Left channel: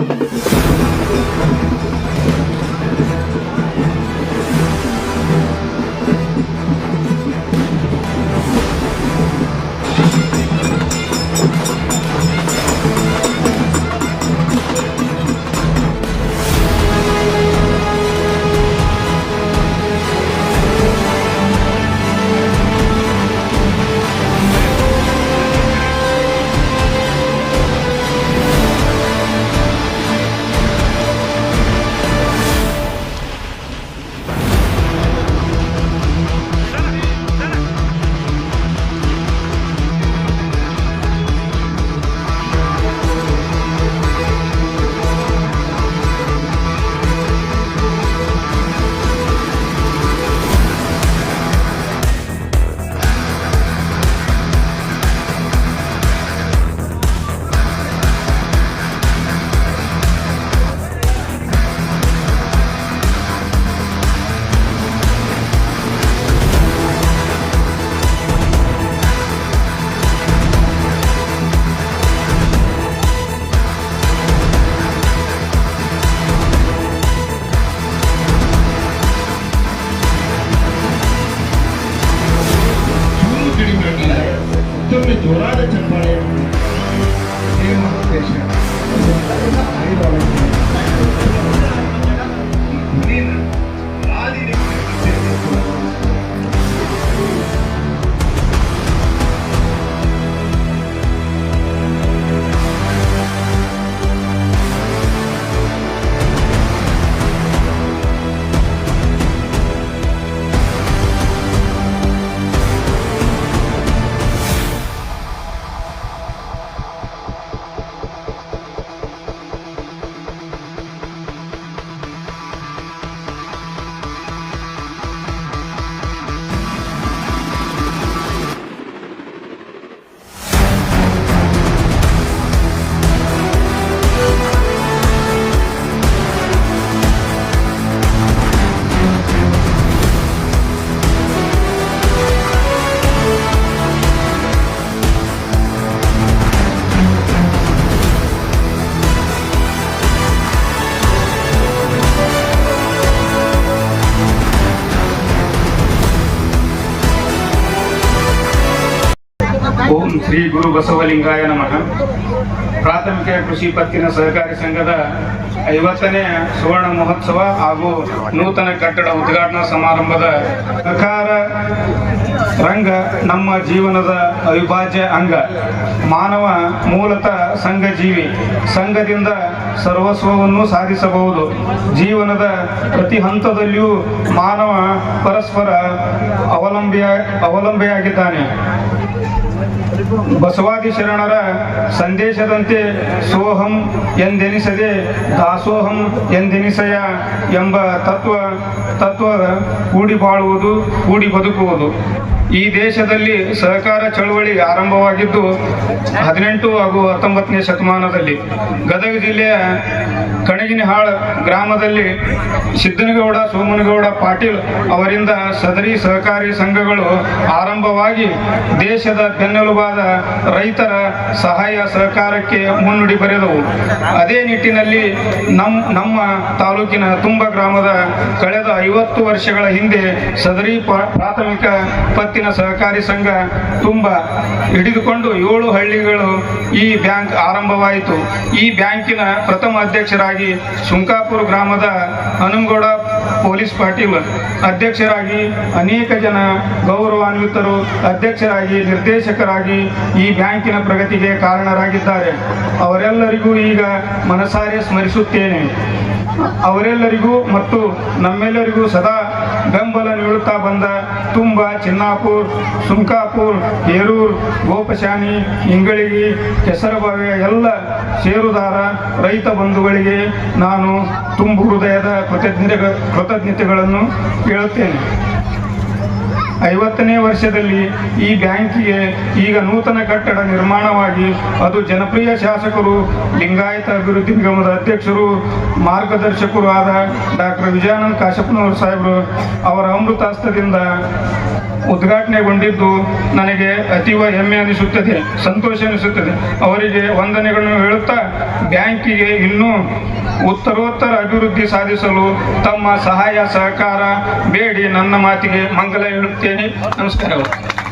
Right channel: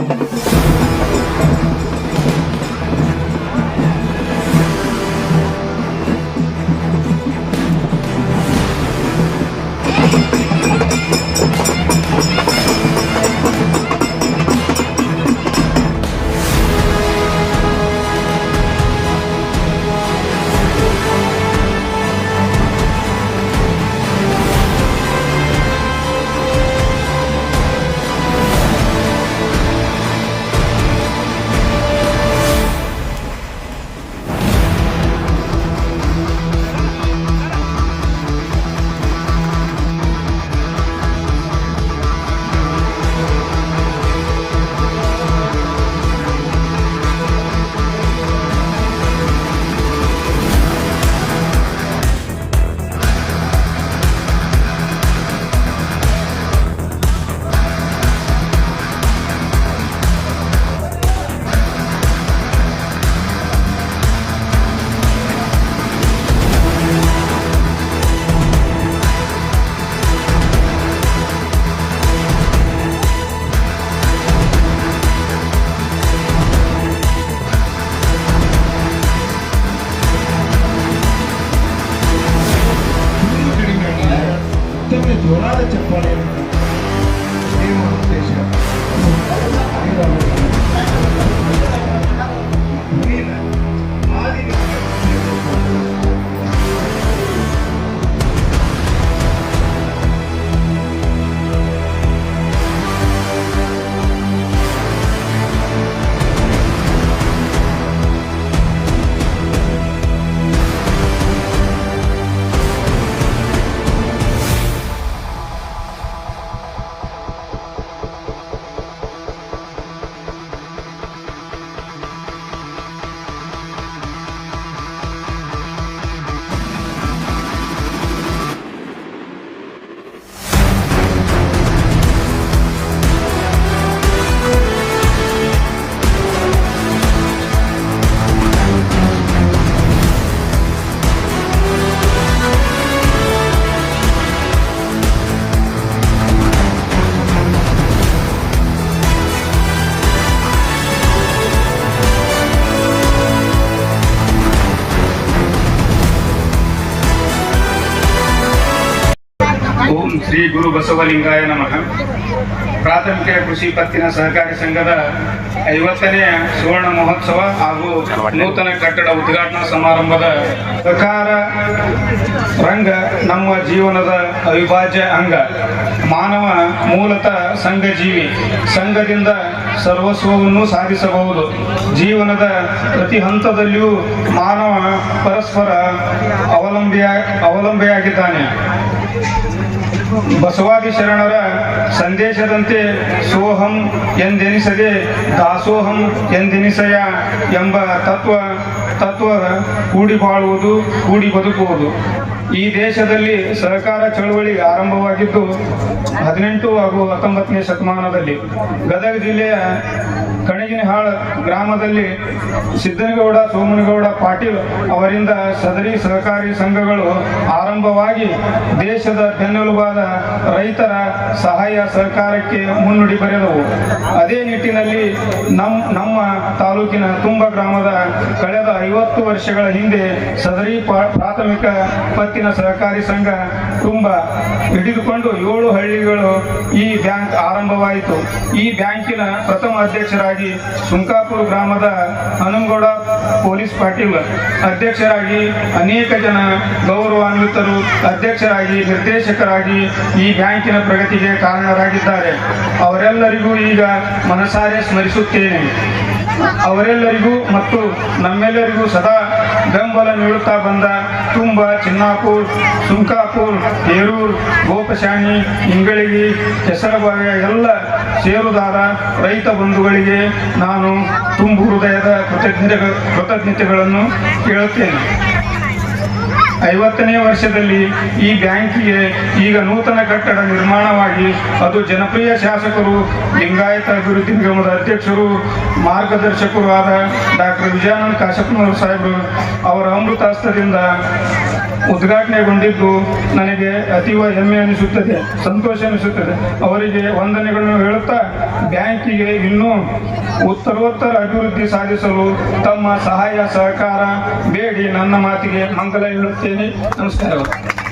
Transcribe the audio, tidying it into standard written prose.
ಓಂ ಶ್ರೀ ಗುರು ಬಸವಲಿಂಗಾಯ ನಮಃ. ಪ್ರಾಥಮಿಕ ಕೃಷಿ ಪತ್ತಿನ ಸಹಕಾರಿ ಸಂಘದ 50ನೇ ಸುವರ್ಣ ಮಹೋತ್ಸವ ಹಾಗೂ ನೂತನ ಕಟ್ಟಡ ಉದ್ಘಾಟನಾ ಸಮಾರಂಭದ ಸಹಕಾರ ರಂಗ ನಮ್ಮ ಜೀವನದ ಅವಿಭಾಜ್ಯ ಅಂಗ. ಮಾನವ ಮೂಲತಃ ಸಂಘಜೀವಿ. ಸಂಘದಿಂದ ಸರ್ವಸ್ವವನ್ನು ಸಾಧಿಸಬಹುದು. ಜೀವನದ ಪ್ರತಿ ಹಂತದಲ್ಲಿಯೂ ಮಾನವ ಪರಸ್ಪರ ಅವಲಂಬಿಯಾಗಿದ್ದಾನೆ. ಬಸವಾದಿ ಶರಣರ ಸಂದೇಶದಂತೆ ಸೋಹಂ ಎಂದೆನಿಸದೆ ದಾಸೋಹಂ ಎಂದೆನಿಸಯ ಎಂಬ ತತ್ವ ಕೂಡಿ ಬಾಳುವುದು, ಕೂಡಿ ಬದುಕುವುದು. ಈ ದೇಶದಲ್ಲಿ ಸಹಕಾರ ಚಳವಳಿ ಆರಂಭವಾಗಿದ್ದು 18 ಹಾಗೂ 19ನೇ ಶತಮಾನದಲ್ಲಿ. ಗದಗ ಜಿಲ್ಲೆಯ ಕಣಗಿನಹಾಳ ಗ್ರಾಮದಲ್ಲಿ ಸಿದ್ದನಗೌಡ ಸೋಮನಗೌಡ ಪಾಟೀಲ್ ಅವರಿಂದ ಸದರಿ ಸಹಕಾರಿ ಸಂಘಗಳು ಆರಂಭವಾಗಿ ದೇಶದ ಬೆನ್ನೆಲುಬಾದ ರೈತರ ಸಹಾಯ ಸಹಕಾರಕ್ಕೆ ಮುನ್ನುಡಿ ಬರೆದವು. ಅದೇ ನಿಟ್ಟಿನಲ್ಲಿ ನಮ್ಮ ತಾಲೂಕಿನ ತುಂಬ ಗ್ರಾಮದ ಕಳೆದ 50 ವರ್ಷಗಳ ಹಿಂದೆ ಸದರಿ ಪ್ರಾಥಮಿಕ ಪತ್ತಿನ ಸಹಕಾರಿ ಸಂಘ ತುಂಬ ಹಿಡಿದುಕೊಂಡು 7 ಹಳ್ಳಿಗಳು ಈ ಬ್ಯಾಂಕ್ ಆರಂಭವಾಯಿತು. ಈ ಬ್ಯಾಂಕಿನ ಪ್ರಥಮ ಅಧ್ಯಕ್ಷರಾಗಿ ಸುಂಕಾಪುರ ಗ್ರಾಮದ ಹನುಮಗೌಡ ಪೊಲೀಸ್ ಪಾಟೀಲ್ ಅಧ್ಯಕ್ಷರಾಗಿ, ಅನೇಕ ಜನ ಗೌರವಾನ್ವಿತರು ಅಧ್ಯಕ್ಷರಾಗಿ, ನಿರ್ದೇಶಕರಾಗಿ ಈ ಬ್ಯಾಂಕಿನ ಪ್ರಗತಿಗೆ ಕಾರಣರಾಗಿದ್ದಾರೆ. ಅವರೆಲ್ಲರಿಗೂ ಈಗ ಮನಸಾರೆ ಸ್ಮರಿಸುತ್ತೇನೆ. ಅವರೆಲ್ಲರಿಗೂ ಮತ್ತು ನಮ್ಮೆಲ್ಲರಿಗೂ ಸದಾ ಬೆಂಬಲ ನೀಡುತ್ತಾ ಬಂದ ತುಂಬ, ಚಿನ್ನಾಪುರ್, ಸುಂಕಾಪುರ್, ಹೇರೂರ್, ಗೋಪಶಾಣಿ, ಇಂಗಳಿಗಿ, ಕೆಸರಬಾವಿಯ ಎಲ್ಲ ಷೇರುದಾರ ರೈತ ಬಂಧುಗಳಿಗೆ ನಾನು ತುಂಬು ಹೃದಯದ ಕೃತಜ್ಞತೆಗಳನ್ನು ಕೇಳುತ್ತೇನೆ. 50ನೇ ವರ್ಷದಲ್ಲಿ ಈ ಬ್ಯಾಂಕಿಗೆ ಈಗ ನೂತನ ಕಟ್ಟಡ ನಿರ್ಮಾಣವಾಗಿ ಅದು ಜನಪ್ರಿಯ ಶಾಸಕರು, ಲಿಂಗಾಯತ ಅಭಿವೃದ್ಧಿ ನಿಗಮದ ಅಧ್ಯಕ್ಷರು, ಮಾರ್ಗದರ್ಶಕರು ಆದ ಡಾಕ್ಟರ್ ವಿಜಯಾನಂದ ಕಾಶಪ್ಪನವರು ಸಾಹೇಬರು ಅವರ ಅಮೃತಾಸ್ತ್ರದಿಂದ ಉದ್ಘಾಟನೆಗೊಂಡಿದ್ದು ನನಗೆ ಅತೀವ ಹೆಮ್ಮೆ ಅನಿಸುತ್ತದೆ, ಸಂತೋಷ ಅನಿಸುತ್ತದೆ. ಅವರಿಗೆ ವಂದನೆಗಳನ್ನು ಹೇಳುತ್ತಾ ಬ್ಯಾಂಕಿಗೆ ಇನ್ನೂ ಉತ್ತರೋತ್ತರ ಅಭಿವೃದ್ಧಿ ಸಾಧಿಸಲು ತಮ್ಮ ಸಹಾಯ ಸಹಕಾರ ಬೇಡಿ ನನ್ನ ಮಾತಿಗೆ ಮಂಗಲ ಹೇಳುತ್ತೇನೆ. ನಮಸ್ಕಾರಗಳು.